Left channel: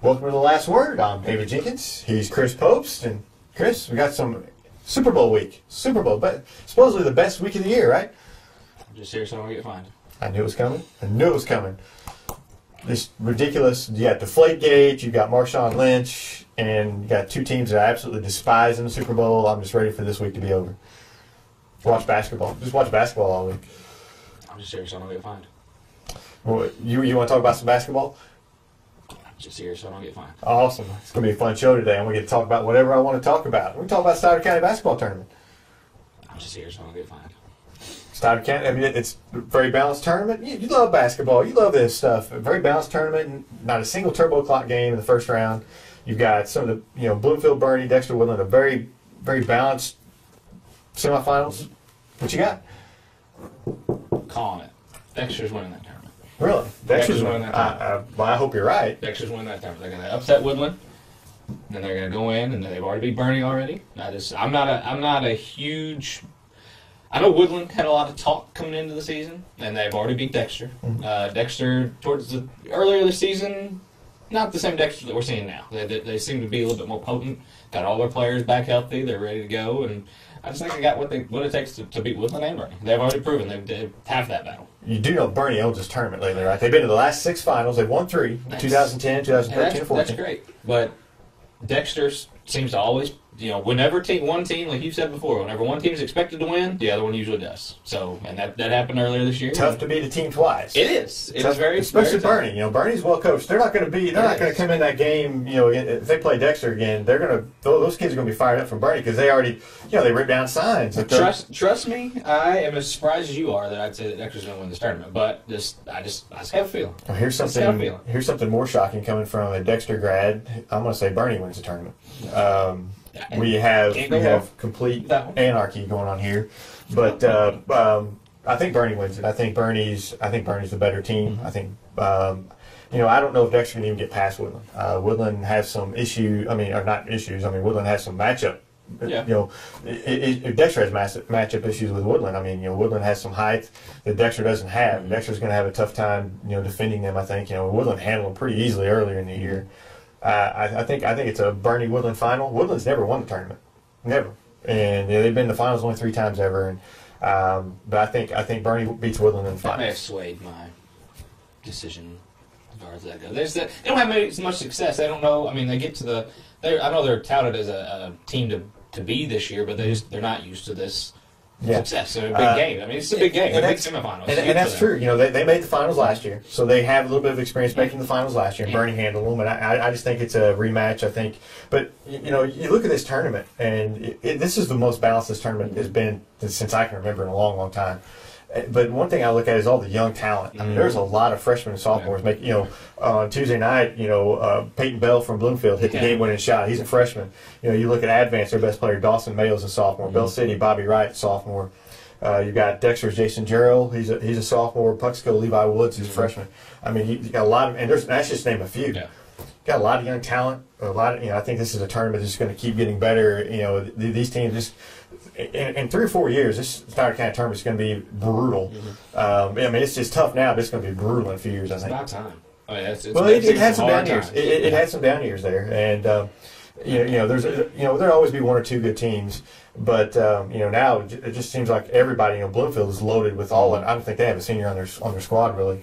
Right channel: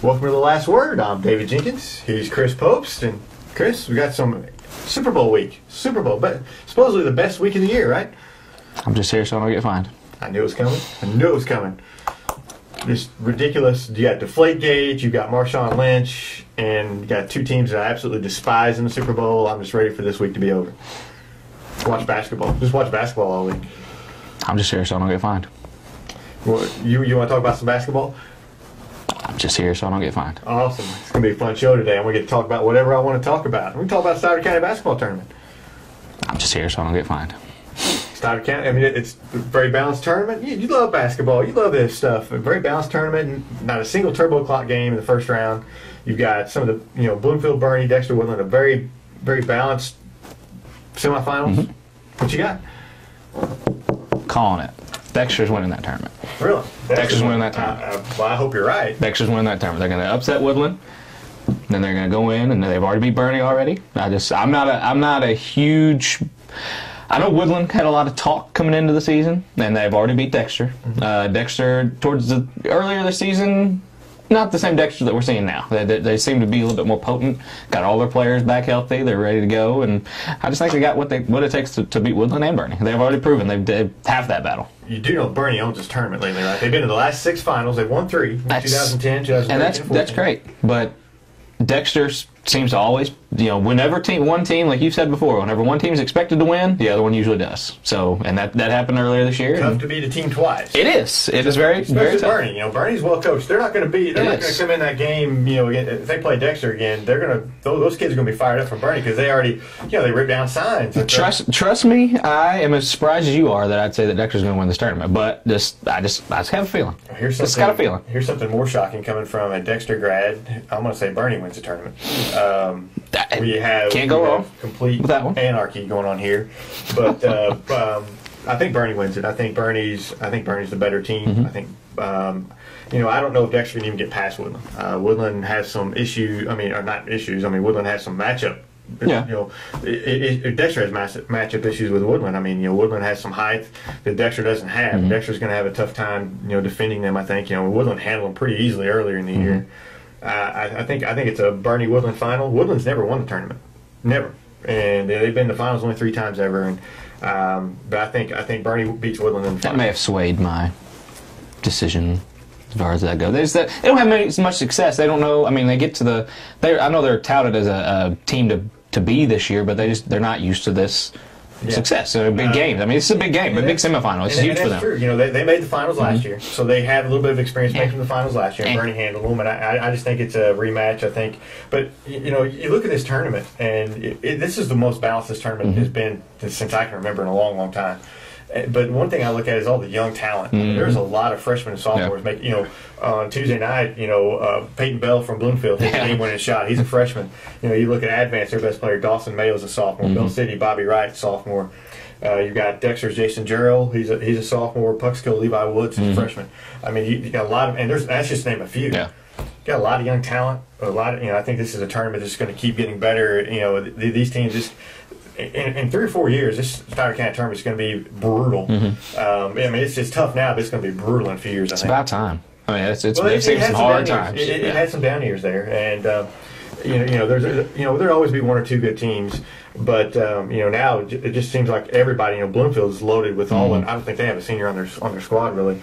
Welcome to The Last Word. I'm David Jenkins. He's Chris Popst. And Chris, we got some Super Bowl week. Super Bowl, but supposedly the best week of the year, right? I'm just here so I don't get fined. I knew it was coming. I knew it was coming. This ridiculous. You got Deflategate, you got Marshawn Lynch, and you got two teams that I absolutely despise in the Super Bowl. I'm just ready for this week to be over. Watch basketball. Just watch basketball all week. I'm just here so I don't get fined. Well, you want to talk about some basketball? I'm just here so I don't get fined. Awesome. It's going to be a fun show today. I'm going to get to talk about whatever I want to talk about. We can talk about Stoddard County basketball tournament. I'm just here so I don't get fined. Stoddard County, I mean, it's a very balanced tournament. You love basketball. You love this stuff. A very balanced tournament. Not a single turbo clock game in the first round. You've got some of the, Bloomfield, Bernie, Dexter, Woodland, a very, very balanced semifinals. Mm-hmm. What you got? Calling it. Dexter's winning that tournament. Really? Dexter's winning that tournament. Well, I hope you're right. Dexter's winning that tournament. They're going to upset Woodland. Then they're going to go in, and they've already beat Bernie already. I'm not a huge. I know Woodland had a lot of talk coming into the season, and they've already beat Dexter. Mm-hmm. Dexter, towards the earlier this season, not the same Dexter that we're seeing now. They seem to be a little bit more potent. Got all their players back healthy. They're ready to go, and I just think they got what it takes to beat Woodland and Bernie. They've already proven they have that battle. You do know Bernie owns this tournament lately, right? They've been to the last 6 finals. They've won 3 in 2010, 2013, and 2014. That's great, but Dexter seems to always, whenever one team, like you said before, whenever one team is expected to win, the other one usually does. So, and that happened earlier this year. Tough to beat a team twice. It is. It is very, especially very Bernie. Bernie's well coached. They're not going to come in that game. If they play Dexter again, those kids are going to be fired up from Bernie because they already, they ripped down signs. Trust me, I am as surprised as you are that I'd say that Dexter's going to win this tournament. But I just have a feeling. Well, here's something more shocking coming from a Dexter grad. I'm going to say Bernie wins the tournament. We have complete anarchy going on here, but I think Bernie wins it. I think Bernie's the better team. Mm-hmm. I think I don't know if Dexter can even get past Woodland. Woodland has some issues. Woodland has some matchup. Yeah. Dexter has massive matchup issues with Woodland. Woodland has some height that Dexter doesn't have. Mm-hmm. Dexter's going to have a tough time, defending them. I think Woodland handled them pretty easily earlier in the mm-hmm. year. I think it's a Bernie Woodland final. Woodland's never won the tournament, never, and they've been in the finals only 3 times ever. And but I think Bernie beats Woodland in the finals. That may have swayed my decision as far as that goes. They don't have much success. They don't know. I mean, they get to I know they're touted as a team to be this year, but they're not used to this. Yeah. Success. So big games. I mean, it's a big game, a big semifinal. It's huge for them. That's true. They made the finals last year, so they have a little bit of experience making the finals last year. And Bernie handled them, and I just think it's a rematch. I think, but you look at this tournament, and this is the most balanced this tournament mm-hmm. has been since I can remember in a long, long time. But one thing I look at is all the young talent. Mm-hmm. I mean, there's a lot of freshmen and sophomores making. On Tuesday night, Peyton Bell from Bloomfield hit the game-winning shot. He's a freshman. You look at Advance, their best player, Dawson Mayo's a sophomore. Mm-hmm. Bell City, Bobby Wright, sophomore. You've got Dexter's Jason Jarrell. He's a sophomore. Puxkill Levi Woods, he's a freshman. I mean, you got a lot of, and that's just to name a few. Yeah. Got a lot of young talent. A lot of, I think this is a tournament that's going to keep getting better. These teams just. In 3 or 4 years, this Stoddard County tournament is going to be brutal. Mm-hmm. It's just tough now, but it's going to be brutal in a few years. It's about time. I mean, it had some hard times. It had some down years there, and there'll always be 1 or 2 good teams, but now it just seems like everybody. Bloomfield's loaded with all, and I don't think they have a senior on their squad really.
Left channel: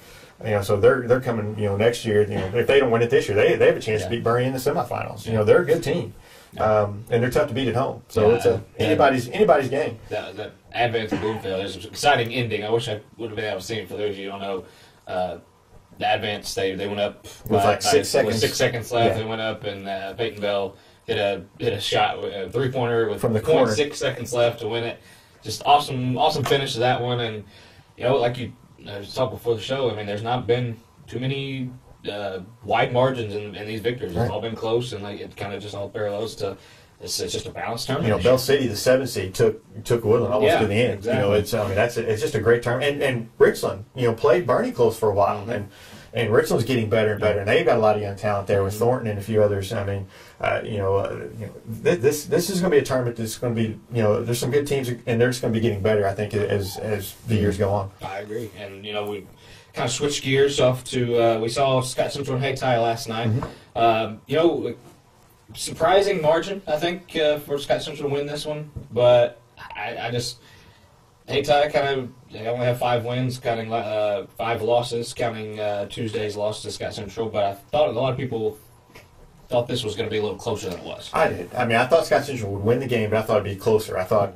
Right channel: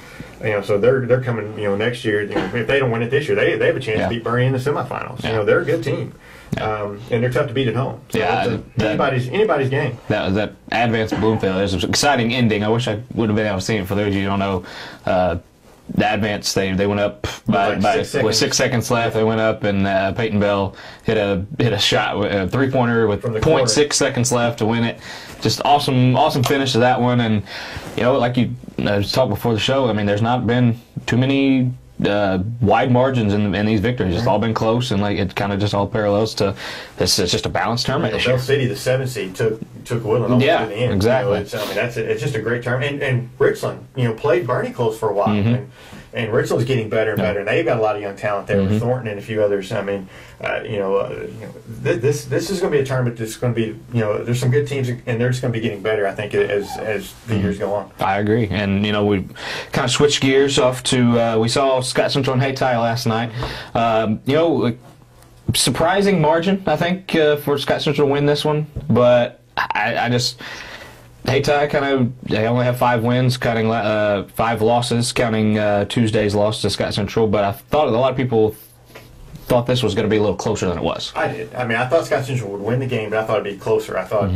So they're coming. Next year. If they don't win it this year, they have a chance to beat Bernie in the semifinals. Yeah. They're a good team. And they're tough to beat at home. So it's anybody's game. That Advance Bloomfield is an exciting ending. I wish I would have been able to see it. For those of you who don't know, the Advance they went up with 6 seconds left. Yeah. They went up, and Peyton Bell hit a shot, a 3-pointer with 0.6 seconds left to win it. Just awesome finish to that one. And like you talked before the show, I mean, there's not been too many wide margins in these victories. It's all been close, and it kind of just all parallels to this. It's just a balanced tournament. Bell City, the 7 seed, took Woodland almost to the end. Exactly. It's just a great tournament. And Richland, played Bernie close for a while, And Richland's getting better and better, and they've got a lot of young talent there with Thornton and a few others. I mean, this is going to be a tournament that's going to be, there's some good teams, and they're just going to be getting better, I think, as the years go on. I agree. And, we kind of switched gears off to, we saw Scott Central and Hayti last night. Surprising margin, I think, for Scott Central to win this one, but I just... Hayti they only have 5 wins, counting 5 losses, counting Tuesday's loss to Scott Central. But I thought a lot of people thought this was going to be a little closer than it was. I did. I mean, I thought Scott Central would win the game, but I thought it'd be closer. I thought,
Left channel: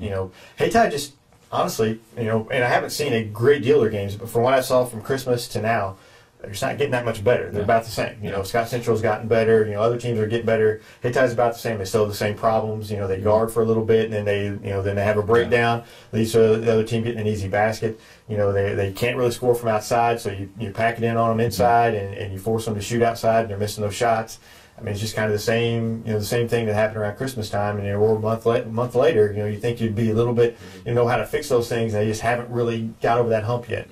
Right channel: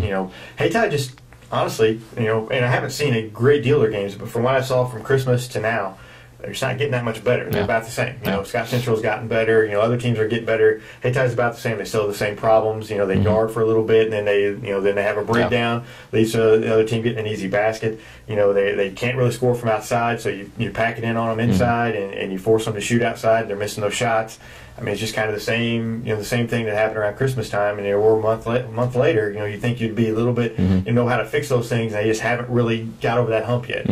Hayti just honestly, and I haven't seen a great deal of their games, but from what I saw from Christmas to now, they're just not getting that much better. They're about the same. Scott Central's gotten better. Other teams are getting better. Hayti's about the same. They still have the same problems. They guard for a little bit, and then they have a breakdown. Leads to the other team getting an easy basket. They can't really score from outside, so you pack it in on them inside, and you force them to shoot outside. And they're missing those shots. I mean, it's just kind of the same thing that happened around Christmas time, and we're a month later. You think you'd be a little bit, know how to fix those things, and they just haven't really got over that hump yet.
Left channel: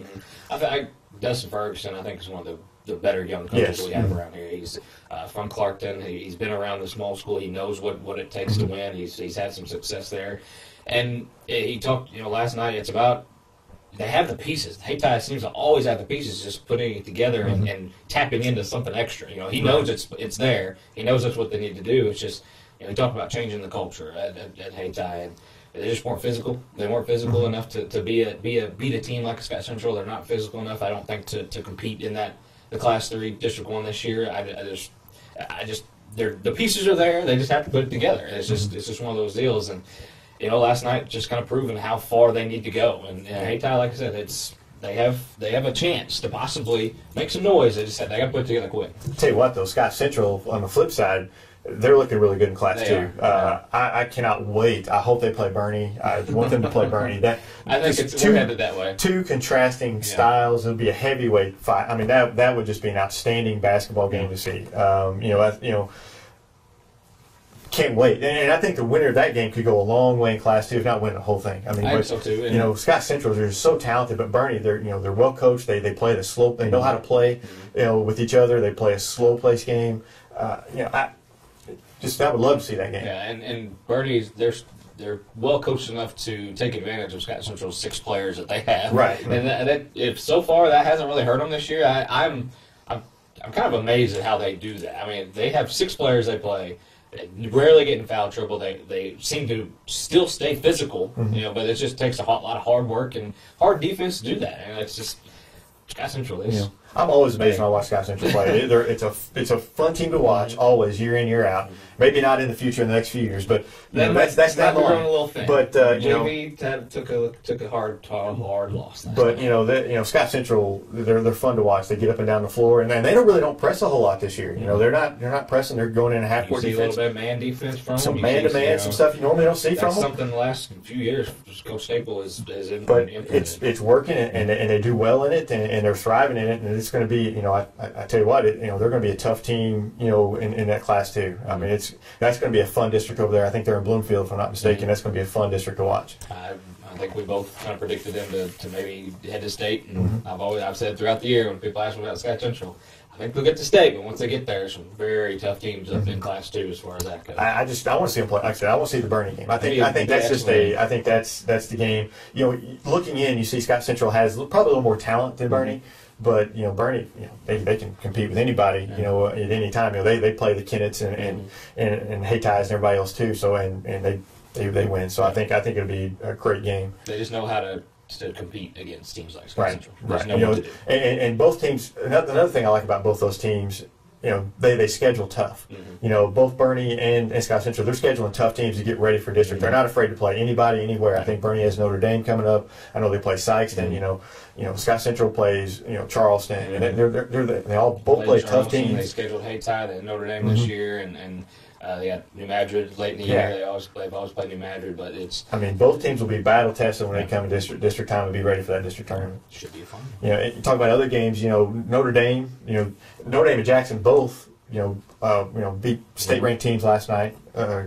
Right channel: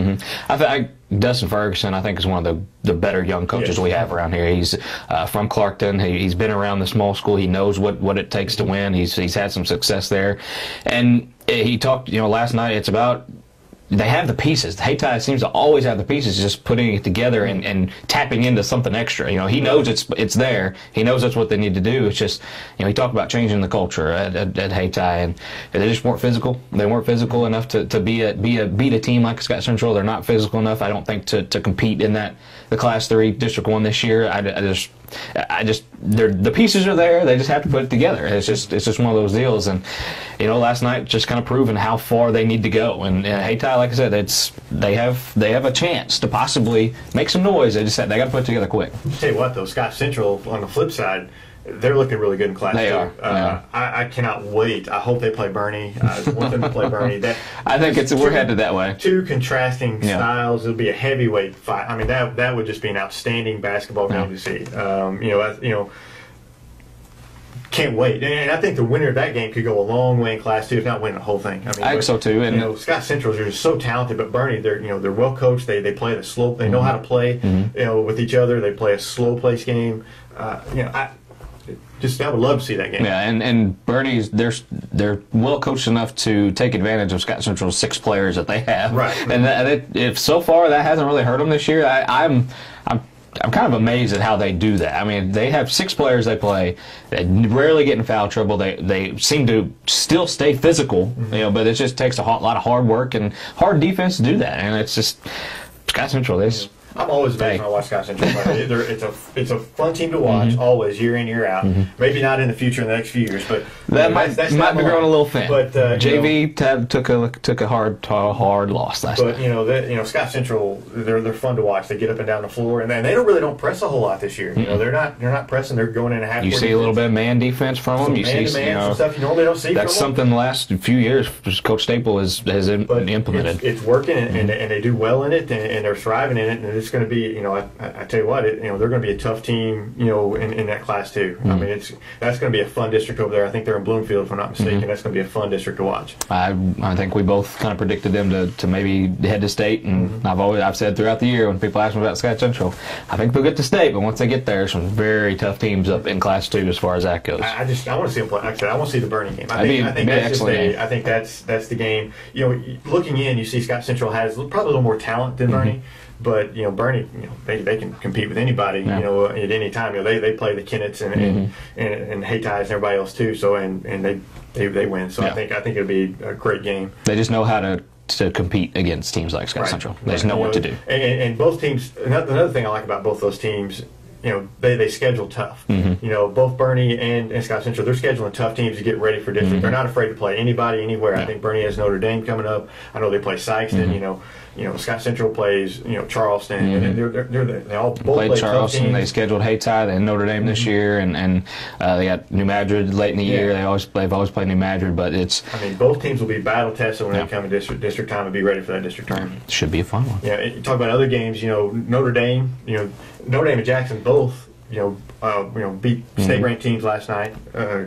Dustin Ferguson, I think, is one of the better young coaches we have around here. He's from Clarkton. He's been around the small school. He knows what it takes to win. He's had some success there, and he talked. Last night, it's about. They have the pieces. Hayti seems to always have the pieces, just putting it together and tapping into something extra. He knows it's there. He knows that's what they need to do. It's just, he talked about changing the culture at Hayti, and they just weren't physical. They weren't physical enough to beat a team like Scott Central. They're not physical enough, I don't think, to compete in the Class 3 District 1 this year. The pieces are there. They just have to put it together. It's just one of those deals. And last night just kind of proven how far they need to go. And Hayti, like I said, they have a chance to possibly make some noise. They got to put it together quick. I'll tell you what, though, Scott Central on the flip side, they're looking really good in Class 2. I cannot wait. I hope they play Bernie. I want them to play Bernie. I think we're headed that way. 2 contrasting styles. It'll be a heavyweight fight. I mean, that would just be an outstanding basketball game to see. Can't wait. And I think the winner of that game could go a long way in Class 2, if not win the whole thing. I think so too. And Scott Central is just so talented, but Bernie, they're well coached. They play the slow. They know how to play. With each other. They play a slow pace game. I would love to see that game. Yeah, and Bernie's they're well coached enough to take advantage of Scott Central's 6 players that they have. Right. And if so far that hasn't really hurt them this year, I'm kind of amazed at how they do that. I mean, they have 6 players they play. They rarely get in foul trouble. They seem to still stay physical, but it just takes a lot of hard work and hard defense to do that. And it's just Scott Central. I'm always amazed when I watch Scott Central play. It's a fun team to watch, always, year in, year out. Maybe not in the future, in the next few years, but that might be growing a little thin. But JV took a hard loss last night. But Scott Central, they're fun to watch. They get up and down the floor, and they don't press a whole lot this year. They're not pressing. They're going in a half. You see a little bit of man defense from them. Man to man, some stuff you normally don't see from them. That's something the last few years Coach Staple has implemented. It's working, and they do well in it, and they're thriving in it, and it's going to be, I tell you what, they're going to be a tough team, in that Class 2. I mean, that's going to be a fun district over there. I think they're in Bloomfield, if I'm not mistaken. That's going to be a fun district to watch. I think we both kind of predicted them to maybe head to state, and I've said throughout the year when people ask me about Scott Central, I think they'll get to state, but once they get there, some very tough teams up in Class 2 as far as that goes. I want to see them play. Like I said, I want to see the Bernie game. I think that's the game. Looking in, you see Scott Central has probably a little more talent than Bernie. But Bernie, they can compete with anybody, at any time. They play the Kennetts and Haytis and everybody else too. So and they win. So I think it'll be a great game. They just know how to compete against teams like Scott Central. They just know what to do. And both teams. Another thing I like about both those teams. They schedule tough. Both Bernie and Scott Central, they're scheduling tough teams to get ready for district. They're not afraid to play anybody, anywhere. I think Bernie has Notre Dame coming up. I know they play Sykeston. Scott Central plays, Charleston. And they all both play tough teams. They scheduled Hayti and Notre Dame this year, and they got New Madrid late in the year. They've always played New Madrid, but it's. I mean, both teams will be battle tested when they come in district time and be ready for that district tournament. Should be a fun one. You talk about other games. Notre Dame. Notre Dame and Jackson both, beat state-ranked teams last night,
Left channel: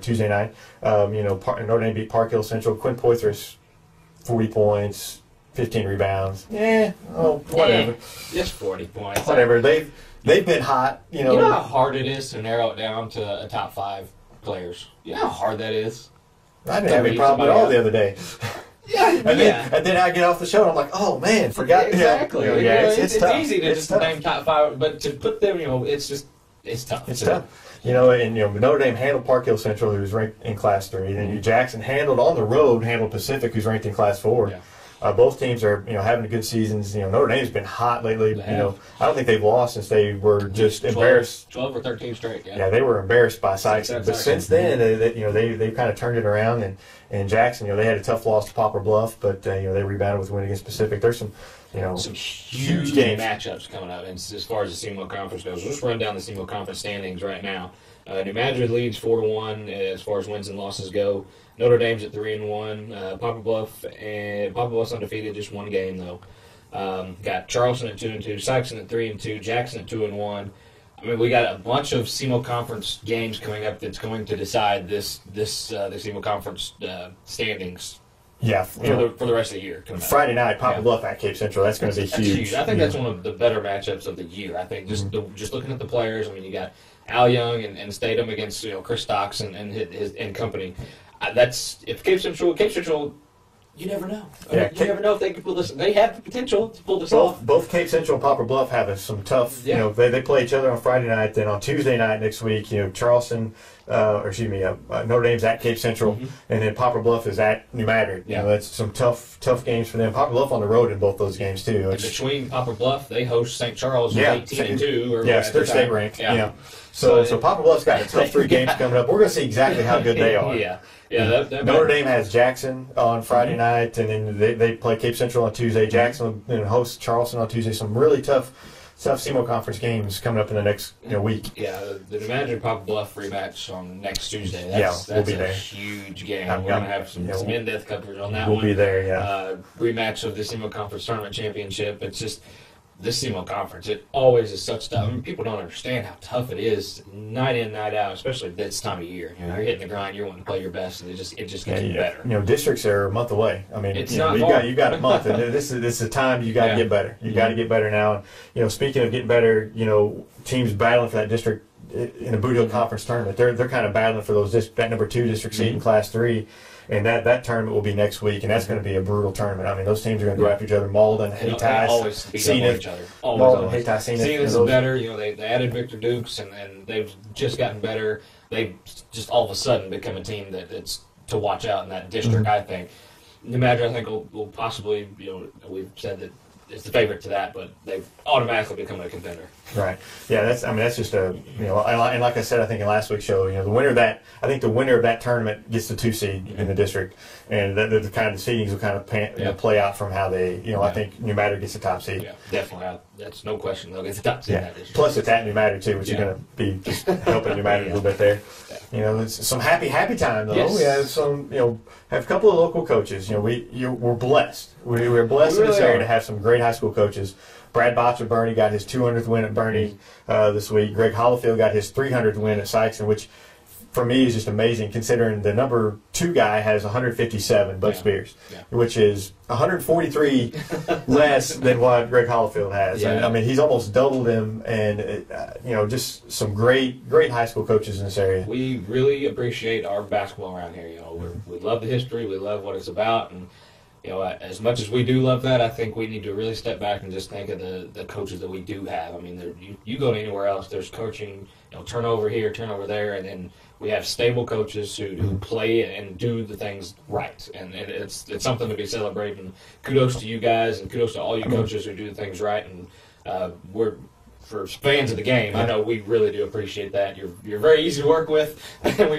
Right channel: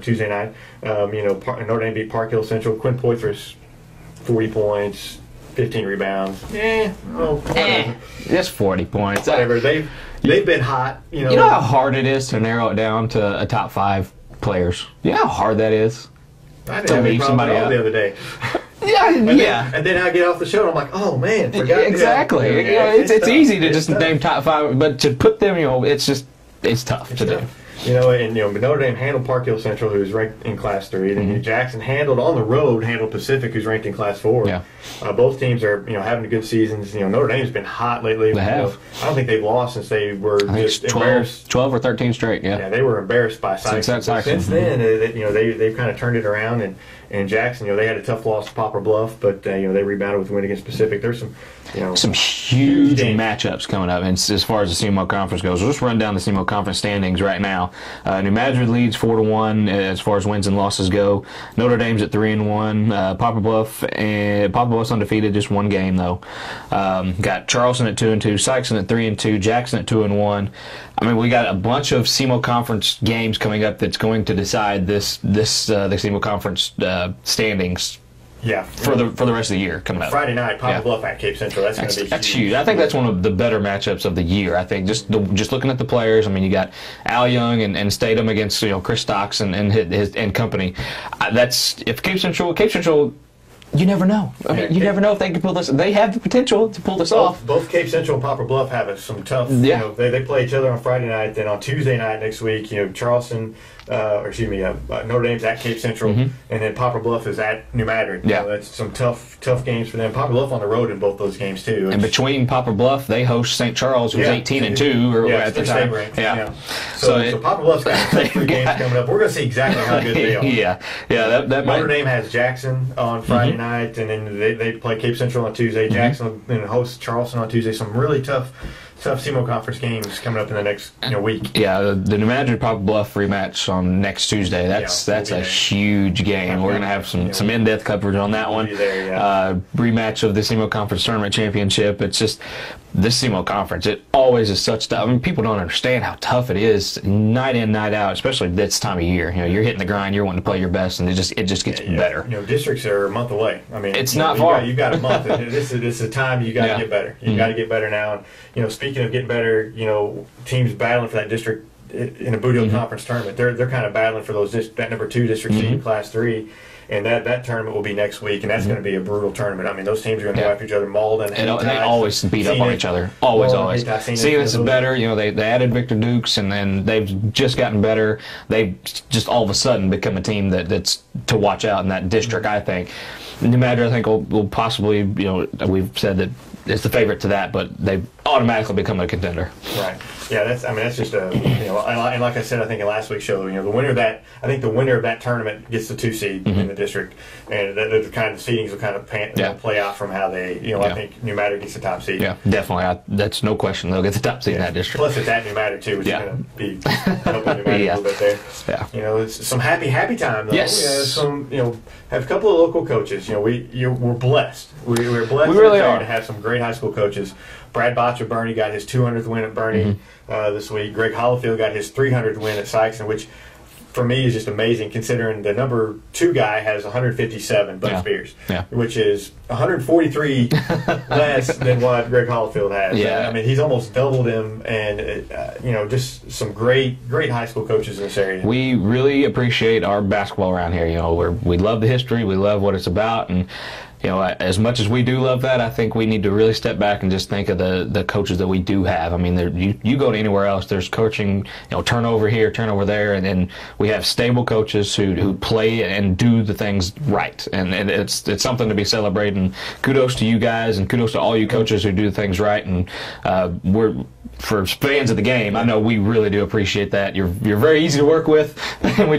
Tuesday night. Notre Dame beat Park Hill Central. Quinn Poitras, 40 points, 15 rebounds. Whatever. Just 40 points. Whatever. They've been hot. You know how hard it is to narrow it down to a top 5 players? You know how hard that is? I didn't have any problem at all the other day. And then I get off the show and I'm like, oh man, forgot. Exactly. It's easy to just name top 5, but to put them, it's tough to do. Notre Dame handled Park Hill Central, who's ranked in Class 3. Then Jackson handled Pacific, who's ranked in Class 4. Yeah. Both teams are having good seasons. Notre Dame's been hot lately. They have. I don't think they've lost since they were just embarrassed. 12 or 13 straight. Yeah. Yeah, they were embarrassed by Sykes. But since then, they've kind of turned it around. And Jackson, they had a tough loss to Poplar Bluff, but they rebounded with a win against Pacific. There's some huge matchups coming up. And as far as the SEMO Conference goes, we'll just run down the SEMO Conference standings right now. New Madrid leads 4-1 as far as wins and losses go. Notre Dame's at 3-1. Poplar Bluff's undefeated, just one game though. Got Charleston at 2-2, Sykeston at 3-2, Jackson at 2-1. I mean, we got a bunch of SEMO Conference games coming up that's going to decide the SEMO Conference standings. Yeah, for the rest of the year coming up. Friday night, Poplar Bluff at Cape Central. That's going to be huge. That's huge. I think that's one of the better matchups of the year. I think just looking at the players. I mean, you got Al Young and Statham against Chris Stocks and his company. That's if Cape Central. You never know. You never know if they can pull this. They have the potential to pull this off. Both Cape Central and Poplar Bluff have some tough. They play each other on Friday night. Then on Tuesday night next week, Charleston. Notre Dame's at Cape Central, and then Poplar Bluff is at New Madrid. Yeah, that's some tough games for them. Poplar Bluff on the road in both those games too. And between Poplar Bluff, they host St. Charles, who's 18-2, at their state ranked. Yeah. So Poplar Bluff's got a tough 3 games coming up. We're going to see exactly how good they are. That Notre Dame has Jackson on Friday night, and then they play Cape Central on Tuesday. Jackson will then host Charleston on Tuesday. Some really tough SEMO Conference games coming up in the next week. Yeah, the New Madrid Poplar Bluff rematch on next Tuesday. That's a huge game. We're going to have some in-depth coverage on that one. We'll be there, rematch of the SEMO Conference Tournament Championship. It's just this SEMO Conference. It always is such tough. I mean, people don't understand how tough it is night in, night out, especially this time of year. You're hitting the grind. You're wanting to play your best, and it just gets better. Districts are a month away. I mean, it's not far. You've got a month, and this is a time you got to get better. You got to get better now. And speaking of getting better, teams battling for that district in a Boot Hill Conference tournament. They're kind of battling for that number 2 district seed in Class 3. And that tournament will be next week, and that's going to be a brutal tournament. I mean, those teams are going to go after each other. Malden, they always beat up on each other. Always. Seeing this is better. They added Victor Dukes, and then they've just gotten better. They've just all of a sudden become a team that's to watch out in that district. I think New Madrid, I think will possibly. We've said that it's the favorite to that, but they've automatically become a contender. Right. Yeah. That's just a and like I said, I think in last week's show, the winner of that tournament gets the 2 seed in the district, and the kind of seedings will kind of play out from how they. I think New Madrid gets the top seed. Yeah, definitely. That's no question. They'll get the top seed in that district. Plus, it's at New Madrid too, which is going to be helping New Madrid a little bit there. Yeah. It's some happy time though. Yes. We have some. Have a couple of local coaches. We're blessed. We're blessed in this area to have some great high school coaches. Brad Botch of Bernie got his 200th win at Bernie this week. Greg Hollifield got his 300th win at Sykeston, which for me is just amazing considering the number 2 guy has 157, Bud Spears, which is 143 less than what Greg Hollifield has. Yeah. I mean, he's almost doubled him, and just some great high school coaches in this area. We really appreciate our basketball around here. We love the history, we love what it's about, and as much as we do love that, I think we need to really step back and just think of the coaches that we do have. I mean, you go to anywhere else, there's coaching, turnover here, turnover there, and then we have stable coaches who play and do the things right. And it's something to be celebrated. And kudos to you guys, and kudos to all you coaches who do things right. And for fans of the game, I know we really do appreciate that. You're very easy to work with, and we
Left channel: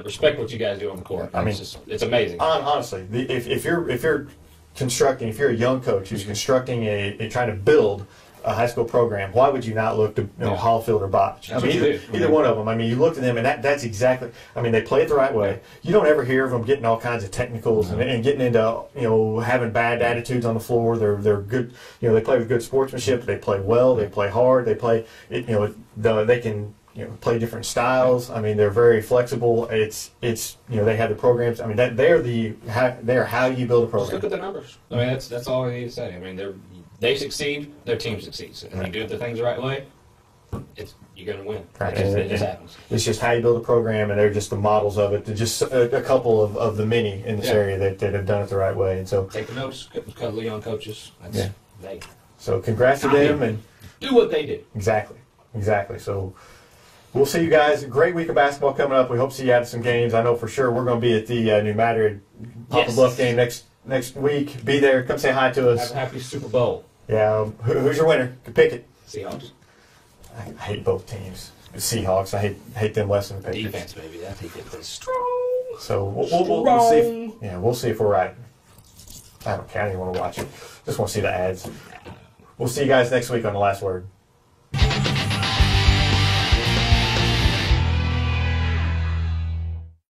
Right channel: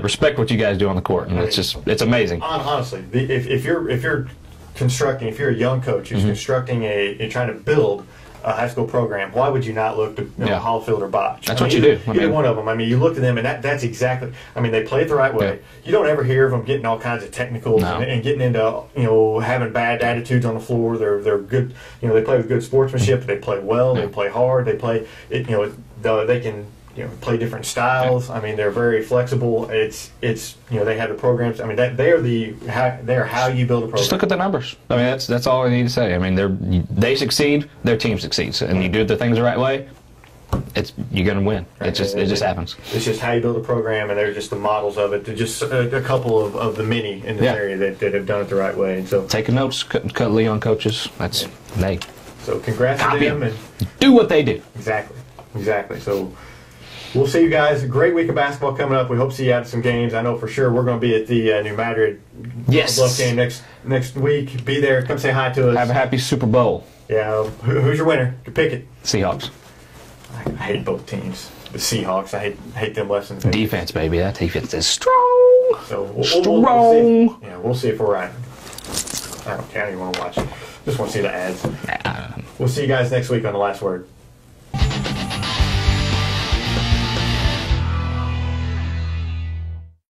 respect what you guys do on the court. And it's amazing. Honestly, if you're constructing, if you're a young coach who's constructing trying to build a high school program, why would you not look to Hollifield or Botch? That's what you do. Either one of them. I mean, you look at them, and that's exactly. I mean, they play it the right way. You don't ever hear of them getting all kinds of technicals and getting into having bad attitudes on the floor. They're good. They play with good sportsmanship. They play well. They play hard. They play. They can play different styles. I mean, they're very flexible. It's they have the programs. I mean, they're how you build a program. Just look at the numbers. I mean, that's all I need to say. I mean, they succeed, their team succeeds, and you do the things the right way, you're going to win. Right. It just happens. It's just how you build a program, and they're just the models of it. They're just a couple of the many in this area that have done it the right way. And so, taking notes, cut Leon coaches. That's they. So congrats to them and do what they do. Exactly. So we'll see you guys. A great week of basketball coming up. We hope to see you at some games. I know for sure we're going to be at the New Madrid Poplar Bluff game next week. Be there. Come say hi to us. Have a happy Super Bowl. Yeah. Who's your winner? Pick it. Seahawks. I hate both teams. The Seahawks. I hate them less than the Patriots. Defense, baby. That defense is strong. So we'll see if we're right. I don't care. I don't even want to watch it. Just want to see the ads. We'll see you guys next week on The Last Word.